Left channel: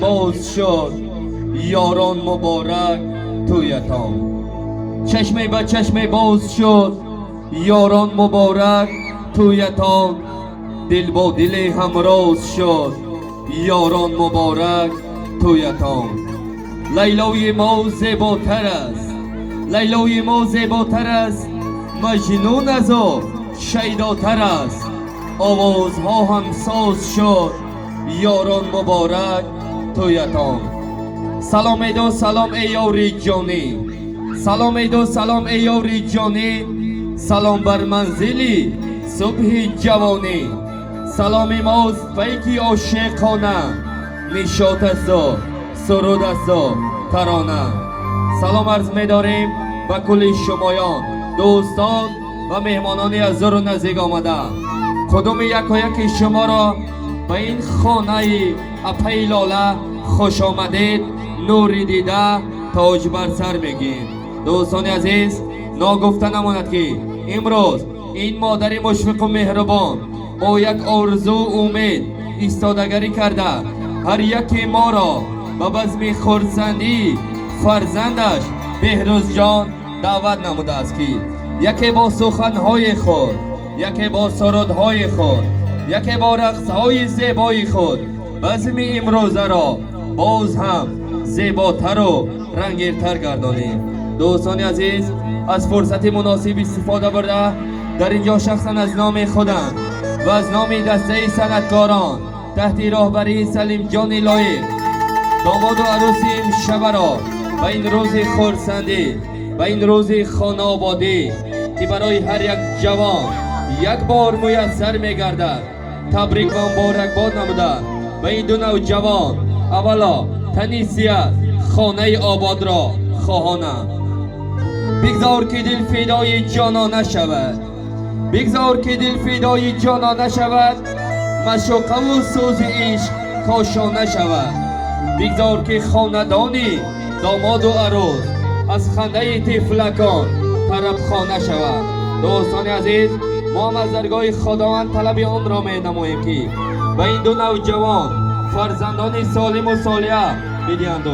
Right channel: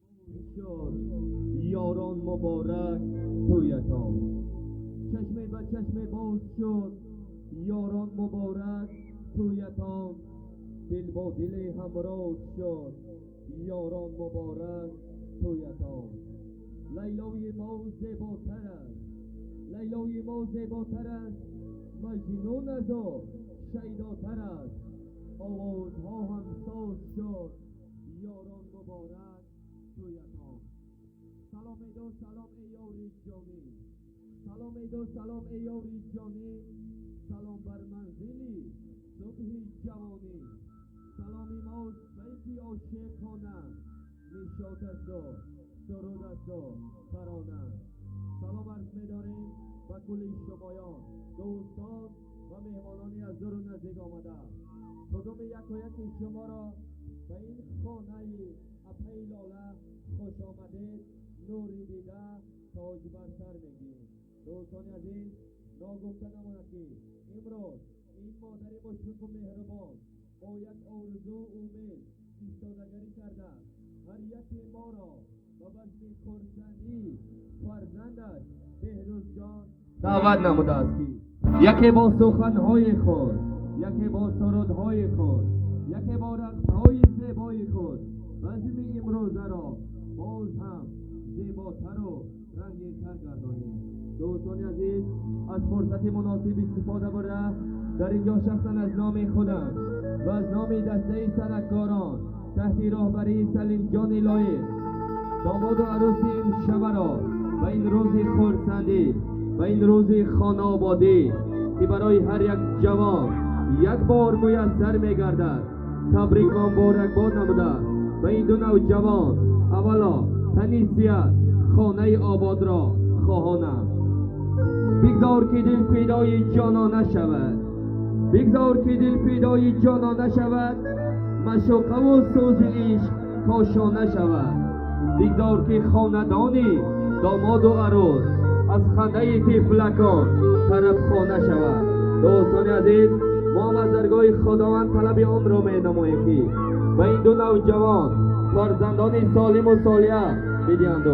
باز شد یاران مبارک تویتان. چشمه به چشمه باز شد یاران مبارک تویتان. دل با دل همراز شد یاران مبارک تویتان. لیلای ما زیباتر است، لیلای ما زیباتر است، مجنون از او شیداتر است. آوازها هم ساز شد یاران مبارک تویتان. سلام ایدو سلام ای یاری جانی، سلام ایدو سلام ای یاری جانی. سلام بر منزلی صبح جوانی. سلام ماست پیکی عاشقانه، نشاط است و سرود است و ترانه. سلام عرض می‌داریم به کل شمایان، دوستان و مهمانانی از دور و نزدیک آمده. کدوم یک و یک شما را به این خانه اپی لاله خوش آمدید، نوری دیده تاج بر سر میگیم. دوستان عزیز، ناگفته نماند که امروز این مادر مشفق و مهربان با یک آرزو امید ایستادگری کرده هر یکی ما را به بزم خرسندی فرزندش بهروز جان دعوت نموده است که یکی با سخنهای خود، یکی با سرودهای خود، یکی با رقصهای زیبای خود بزم امروزه را باز هم زیباتر و رنگین‌تر گردانیم. دوستان عزیز، از فرصت مناسب استفاده برده در اینجا شخصا از نام خودم و از نام دسته صنعتکاران تحت راهبری سلیم جان لایق، داماد و عروس امشب را به این روز خرسندی، به این روز خانه آبادی که برای هر یک جوان یک بار میسر میگردد، تبریک و مبارکباد نموده به این دو نوجوان اولا تنیسیت خانه آباد را خواهانم. بگذار که دل فدای جانانه شود، بگذار که دل فدای جانانه شود، مشوقه و سوز عشق کاشانه شود. بگذار که خاندانی داماد و عروس از خنده طفلکان طرب خانه شود. دوستان عزیز، ما هم از درگاه خداوند طلب آن را می نماییم که و این دو نوجوان فرزندان سالم و صالح بدهند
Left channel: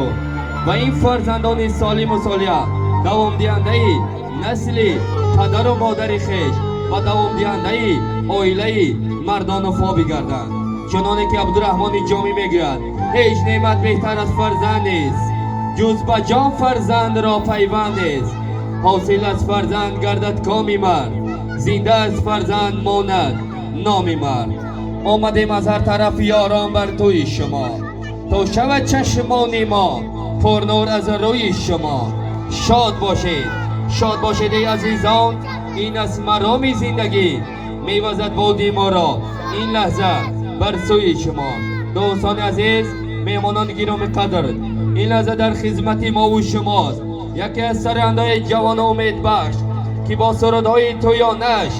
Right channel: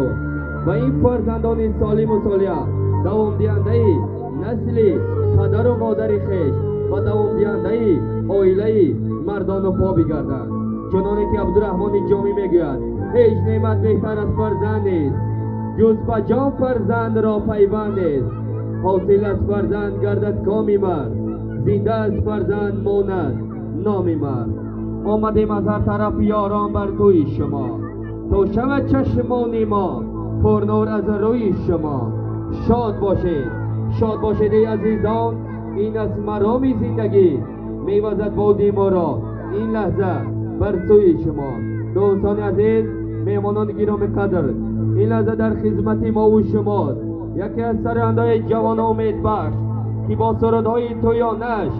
و این فرزندان سالم و صالح دوام دهنده نسل پدر و مادر خویش و دوام دهنده عائله مردان وفا بگردند. چنانه که عبدالرحمن جامی میگوید هیچ نعمت بهتر از فرزند نیست، جز به جان فرزند را پیوند است. حاصل از فرزند گردد کامی مرد، زنده از فرزند ماند نامی مرد. آمدیم از هر طرف یاران بر توی شما، تا شود چشمان ما پرنور از روی شما. شاد باشید، شاد باشید ای عزیزان، این از مرام زندگی میوزد بادی ما را این لحظه بر سوی شما. دوستان عزیز، مهمانان گرامی قدر، این لحظه در خدمت ما و شماست یکی از سرندهای جوان امید بخش که با سرودهای تویانش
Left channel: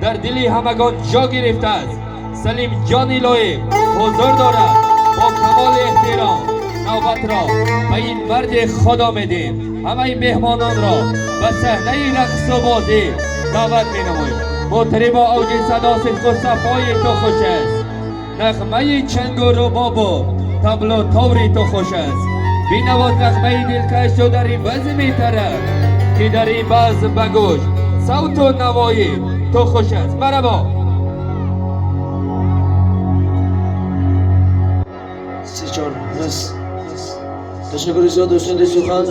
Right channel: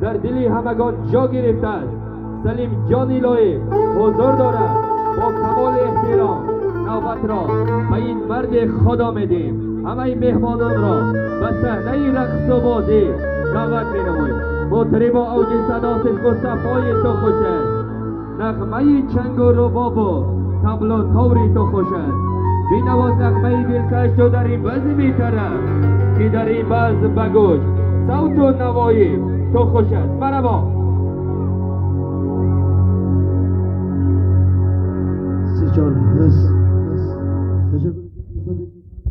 در دل همگان جا گرفته است. سلیم جان لایق حضور دارد. با کمال احترام نوبت را به این مرد خدا میدیم. همه مهمانان را به صحنه رقص و بازی دعوت می‌نماییم. مطرب اوج صدا صدق و صفای تو خوش است، نغمه چنگ و رباب و طبل و تاری تو خوش است. بینواز نغمه دلکش تو در این بزم طرب که در این بزم بگوش صوت و نوایی تو خوش است. مرحبا. سی چهار تشکر زیاد دوستان سخن